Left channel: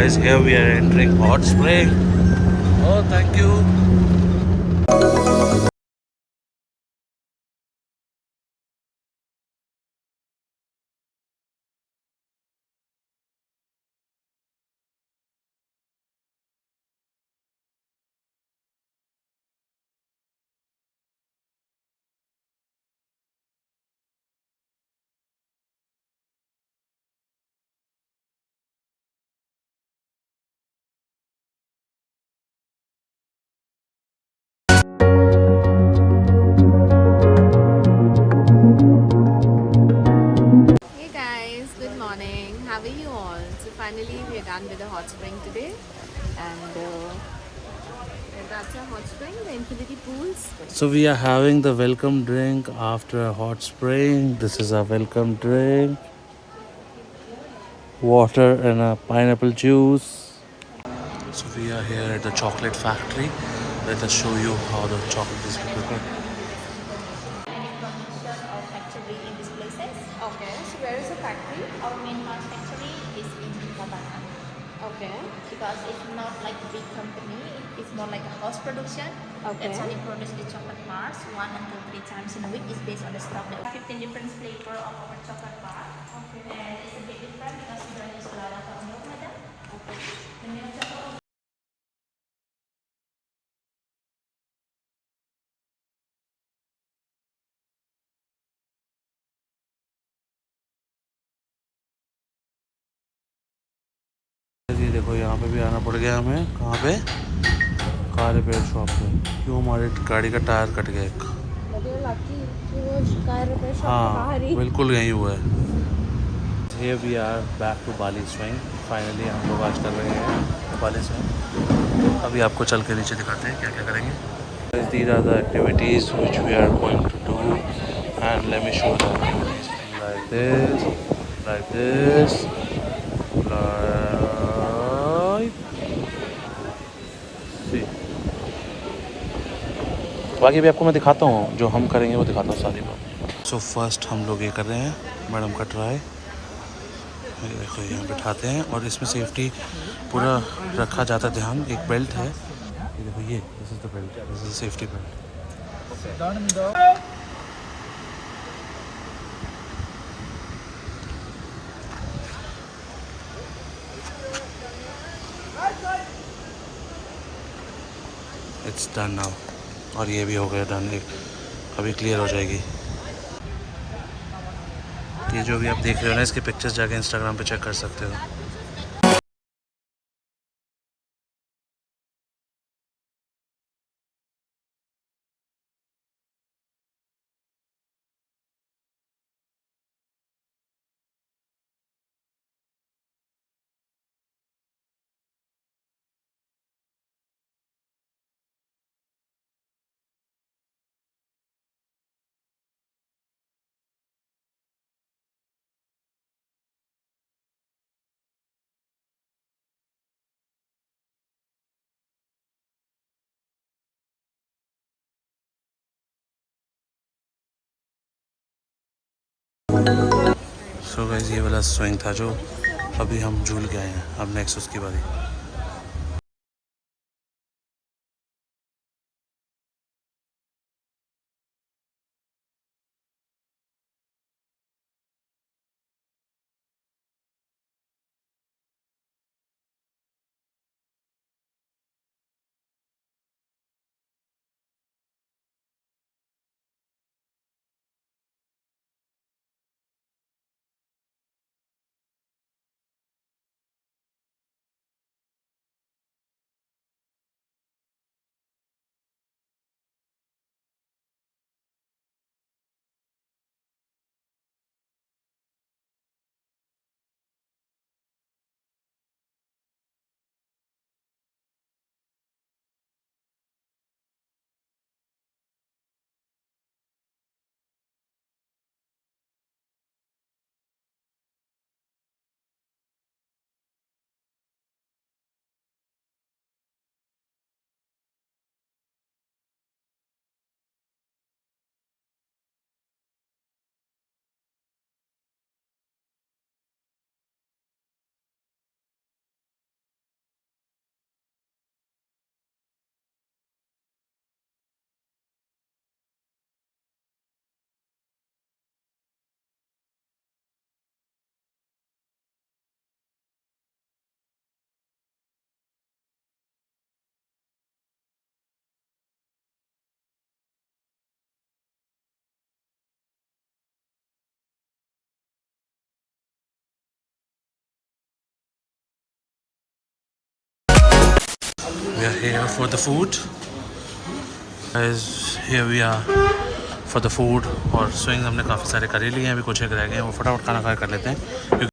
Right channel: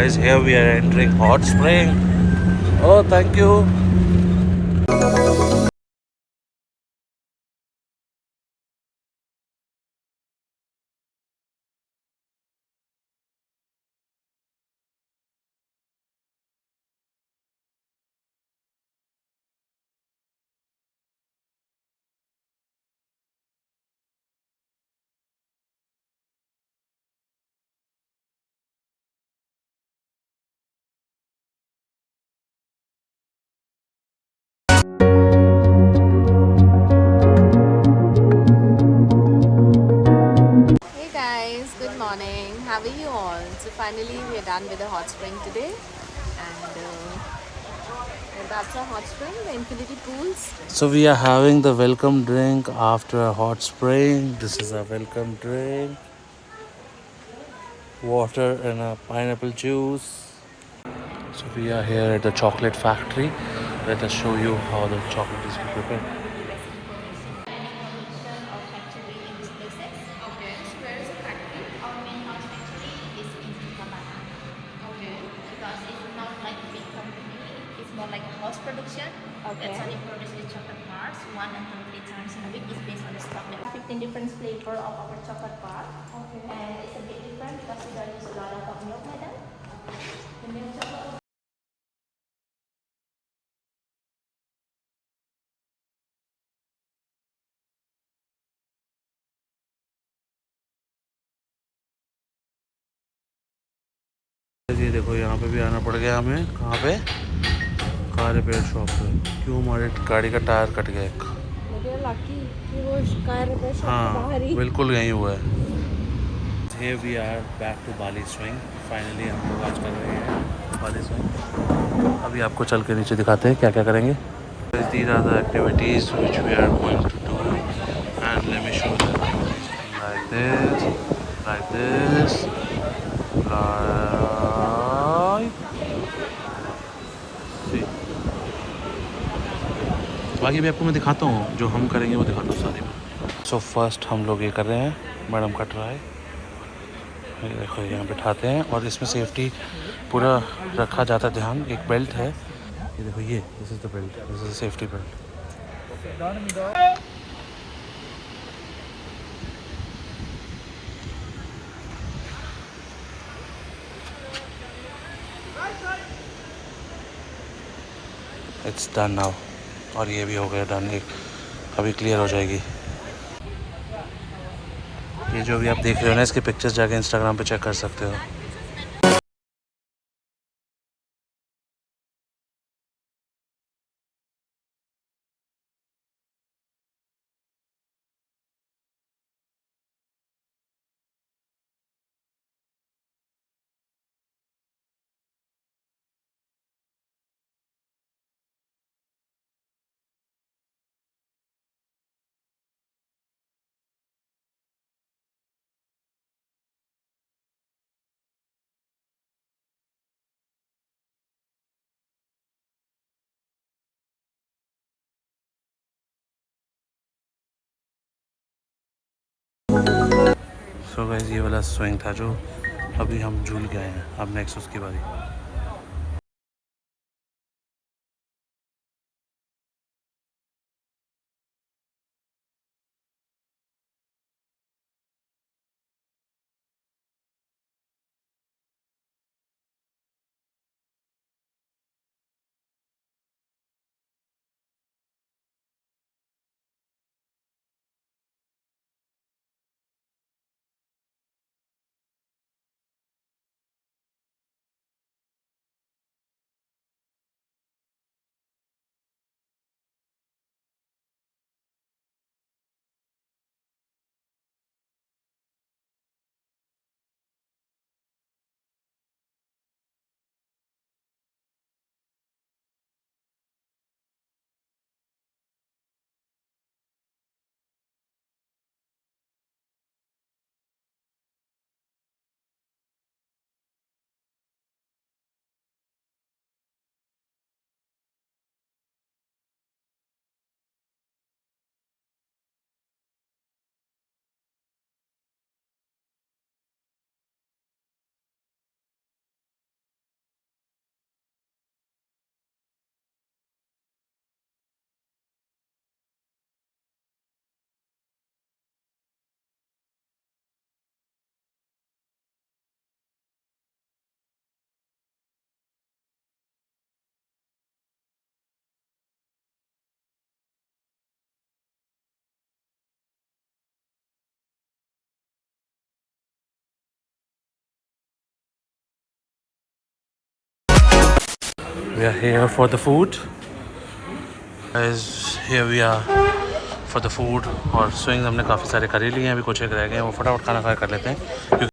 guys, here we are entering hot spring. Oh, thank you. Hey guys, good morning. How are you all? So finally we are done with the hot spring today, and that's our hot spring, the infinity pools. So we are having the welcome drink after a hot spring. This is a welcome drink. Water and a pineapple juice. So we are here at the chocolate factory. Let us show you how the chocolate is prepared. Okay. Because it's not like a big company, it's more like a house production. Okay. That's only produce the chocolate bars 1 until 3 times in a week. It's based on the stock. Like 15 different flavor of our chocolate bar. Okay. And it's a bit different because we don't use a lot of milk in it. The milk chocolate. ये देखो यहाँ पे भी आना पड़ गया हमें। कहाँ पे? कार रिपेयर शॉप पे। क्यों हमारे गाड़ी का टायर कट गया एक। हाँ बिल्कुल यहीं हुआ है। Here we are back to Bali swing. Finally हम लोग आज कर रहे हैं Bali swing. अभी आपको चल के नीचे दिखाते हैं क्या क्या करेंगे. These are the activities which we are going to do, and let me show them. Like this, like this, like. See. बाकी भी आपको मैं दिखाता हूँ, जो हम करेंगे वो दिखाता हूँ सारी बात. So first हम लोग ये कर रहे हैं, मैडम का ट्राई. देखो यहाँ बिठाते हैं और इसमें सेफ्टी पूरा रखा जाता है ध्यान. एक बेल्ट है, ये देखो, ये this is the belt, this is safety belt. It's done now. और ये भी हो गया डन. एक अभी क्लियर हो जाएगी. ये जो भी आप देख रहे हो ना, इसके पिक्चर्स जाके इंस्टाग्राम पे चेक कर सकते हो. सो गाइस, ये वाला स्विंग था जो अभी हम झूल के आए हैं. अब नेक्स्ट उसकी बारी. we are here for the food. Guys, here we are for the food. और स्विंग हमने काफ़ी सारे कर ही लिए हैं, अभी कुछ एक रह गए हैं, वो फटाफट खाना खा कर लेते हैं क्योंकि